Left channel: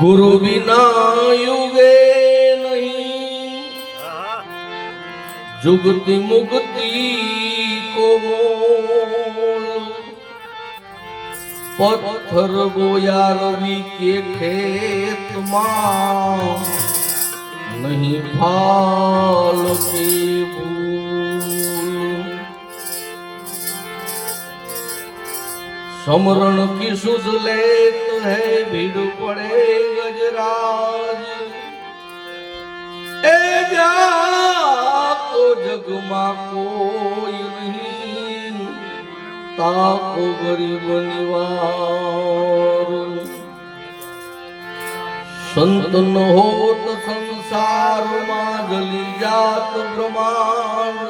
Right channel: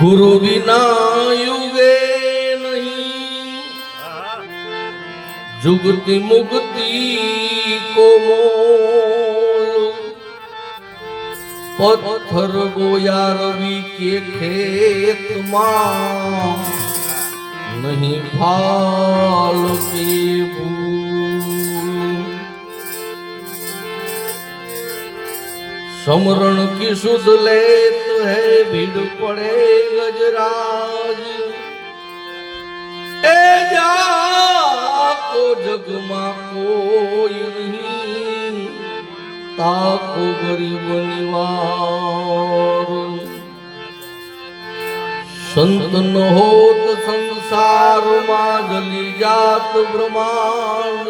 ગુરુ વિના યુગે નહીં. જુગતિ મુક્તિ કો મોલ પથ્થર ગોયા રવિ કે ખેતમાં. નહીં ભાલ સમરણ કી સુધ લે હે, ભીડ પડે ગજરાજ. એ જા તો જગમાં કોઈ નહીં. તાકો ગરીબ નિવાસ સંત ન હોત સંસારમાં જલી જાત બ્રહ્માંડ.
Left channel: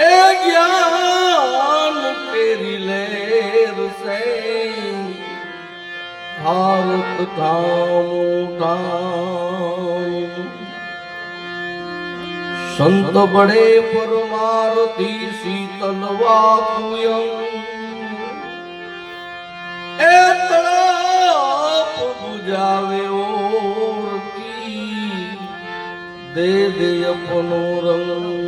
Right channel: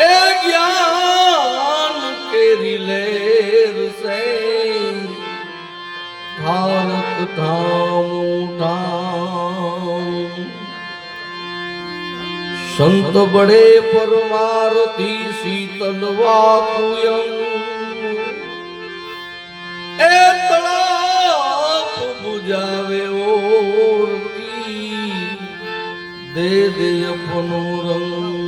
એ જ્ઞાન કેરી લેર સે. ભારત ધામ ધામ. સંત બડે પરમારતી શીતલ વાકુયમ. એ તળાપ દે દે અપનો રંગ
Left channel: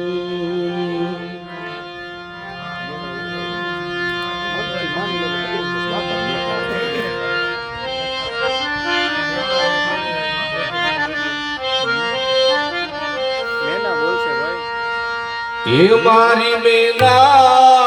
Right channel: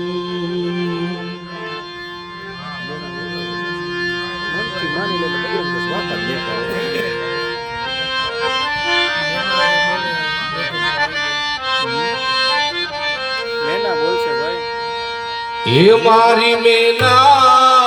એ મારી મેના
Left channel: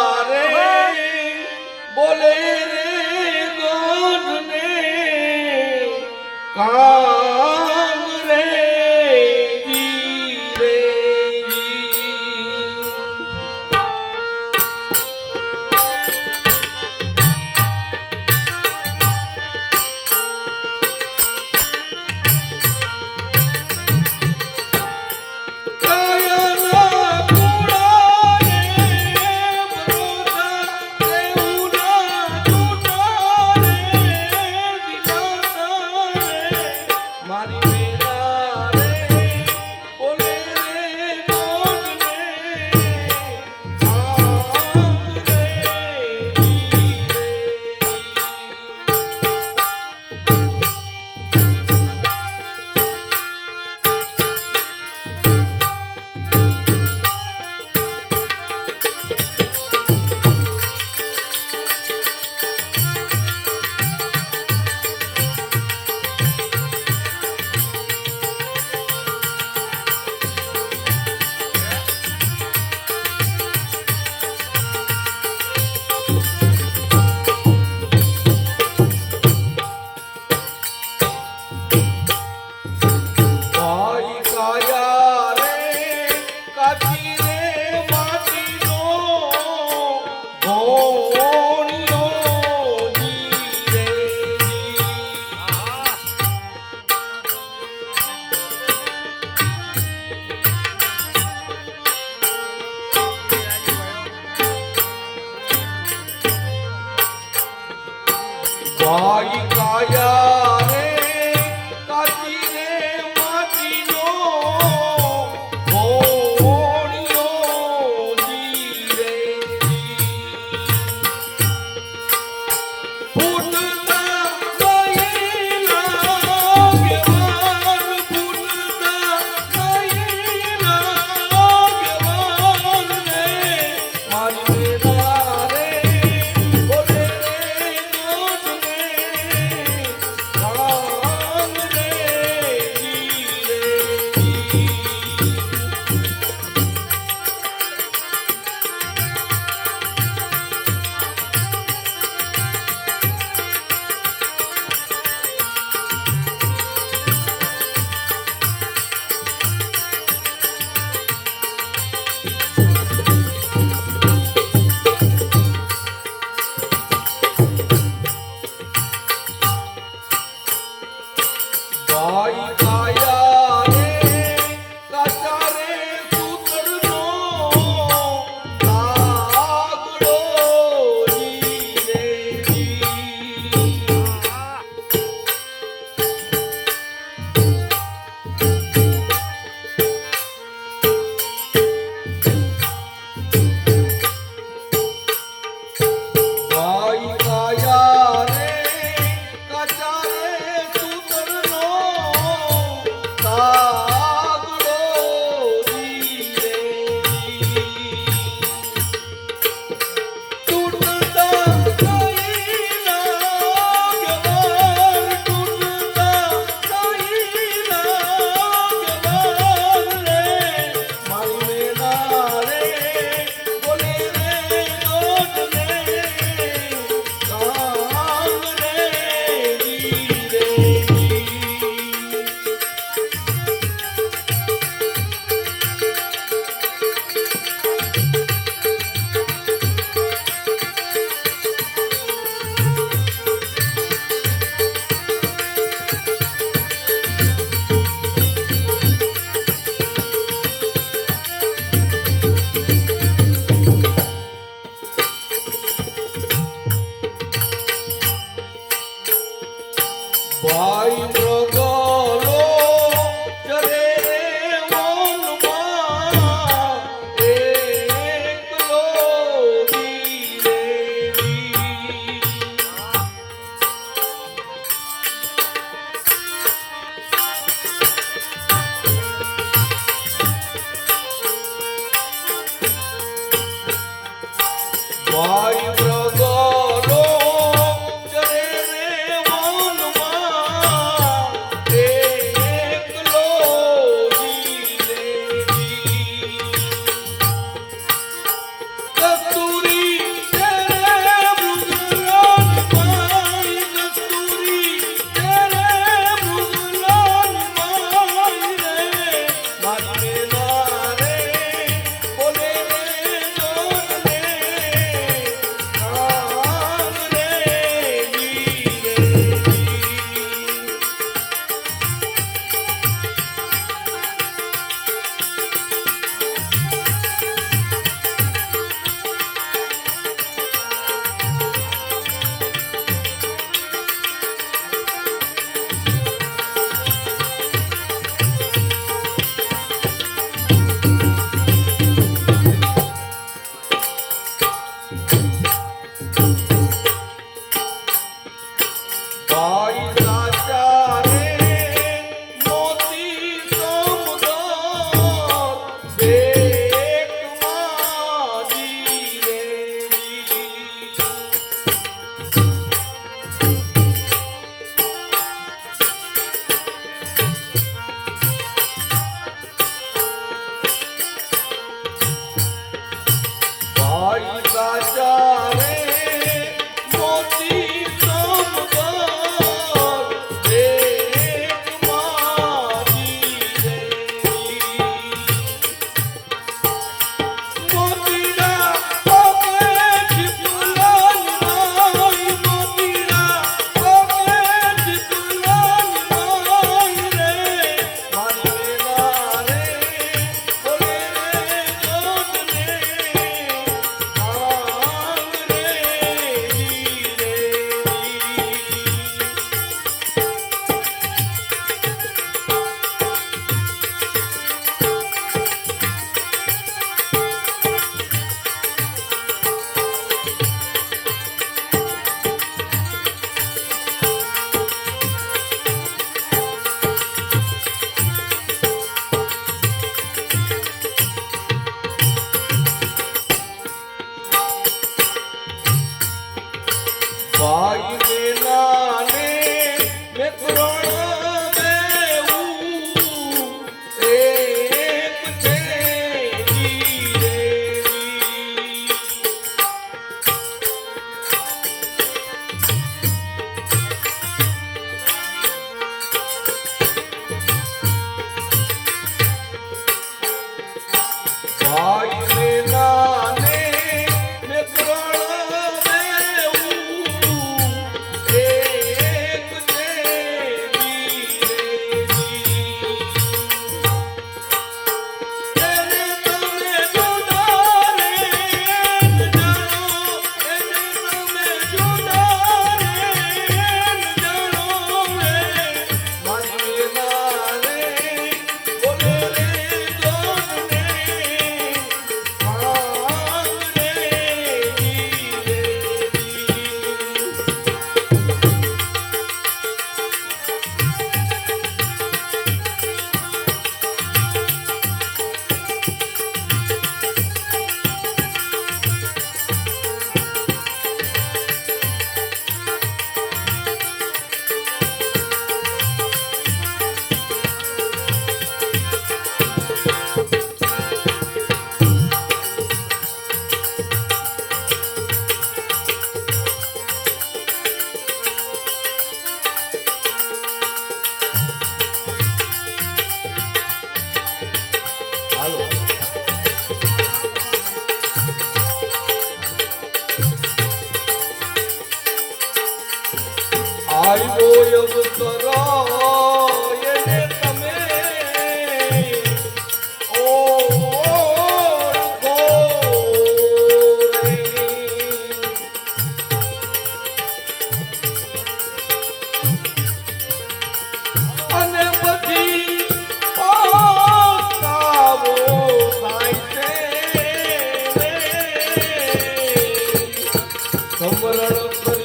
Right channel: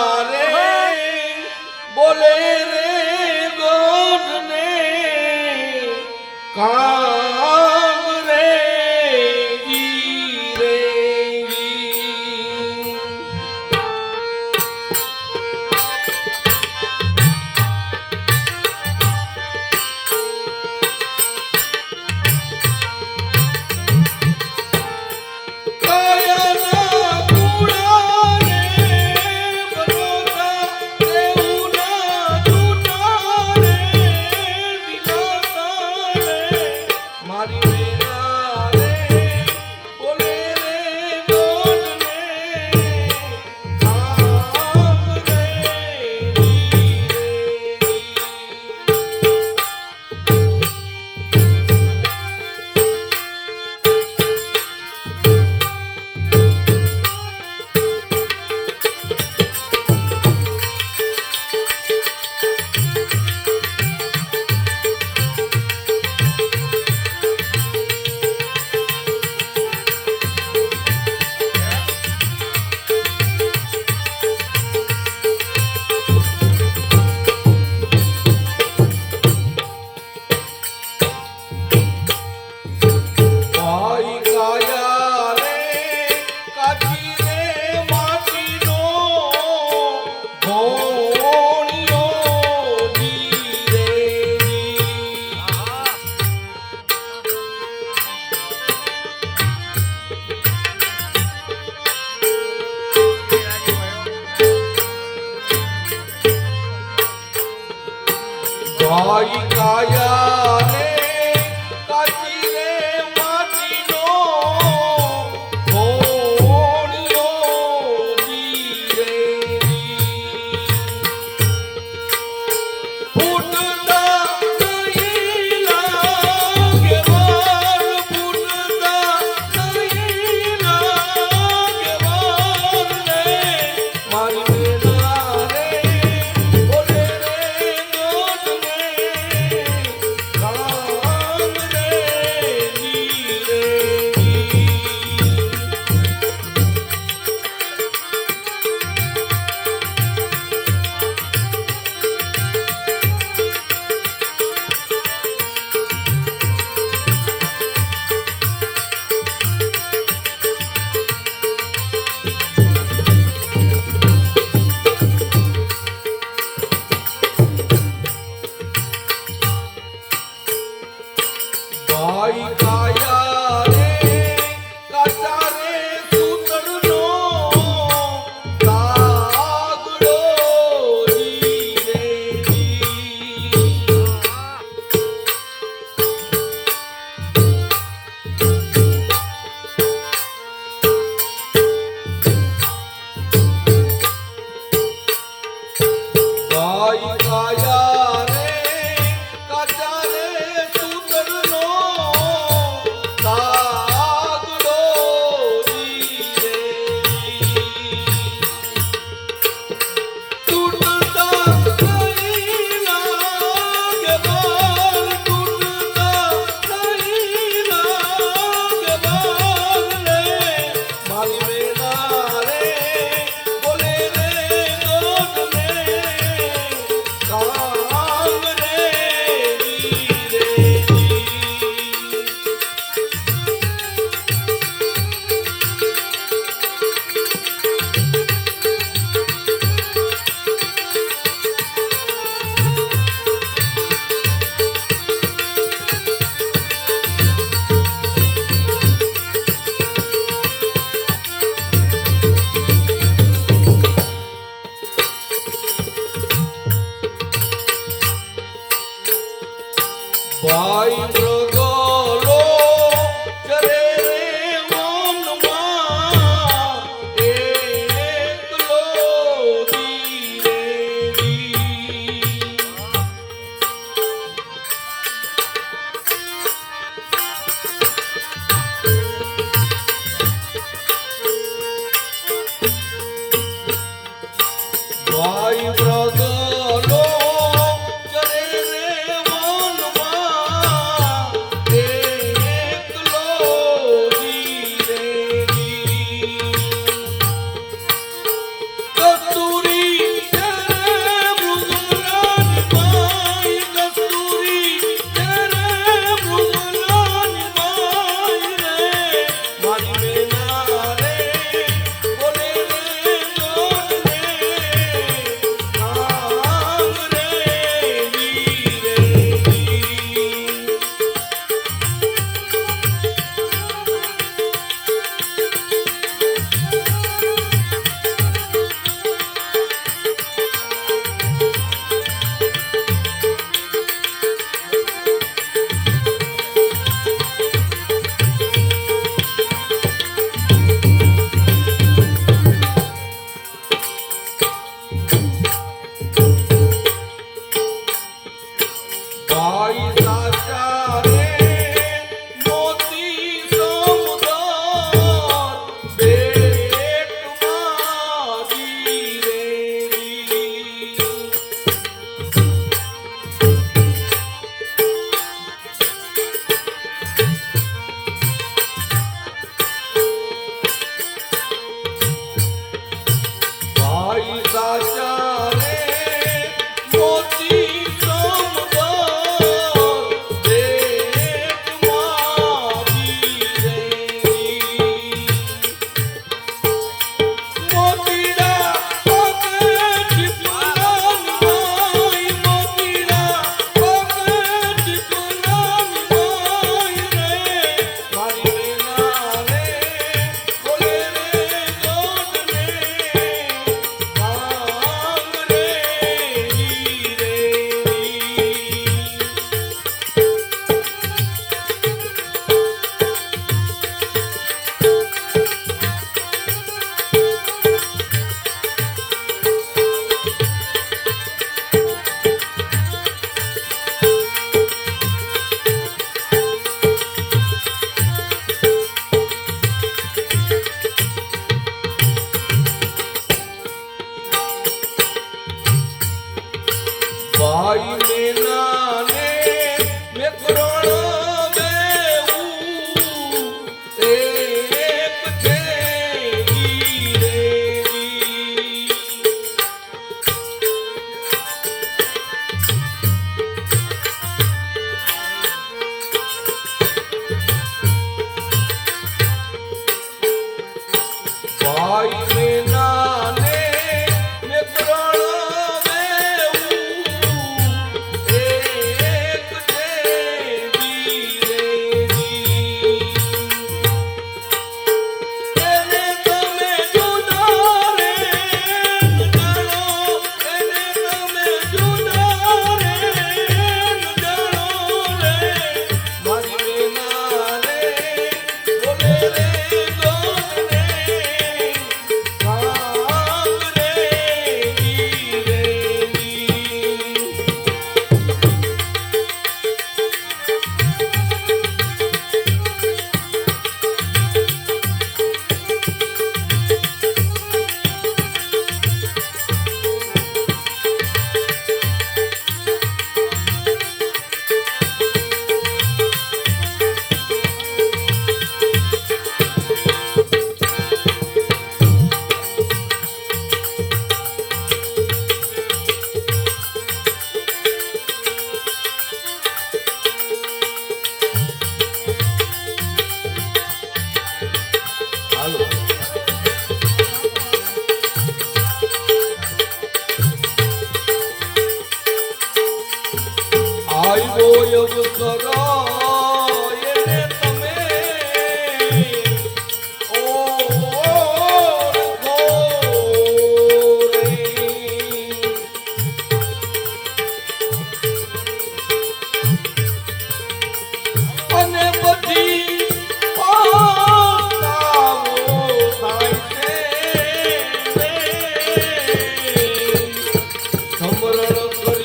ಸಂಬರಳ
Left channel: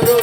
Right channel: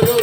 Guru.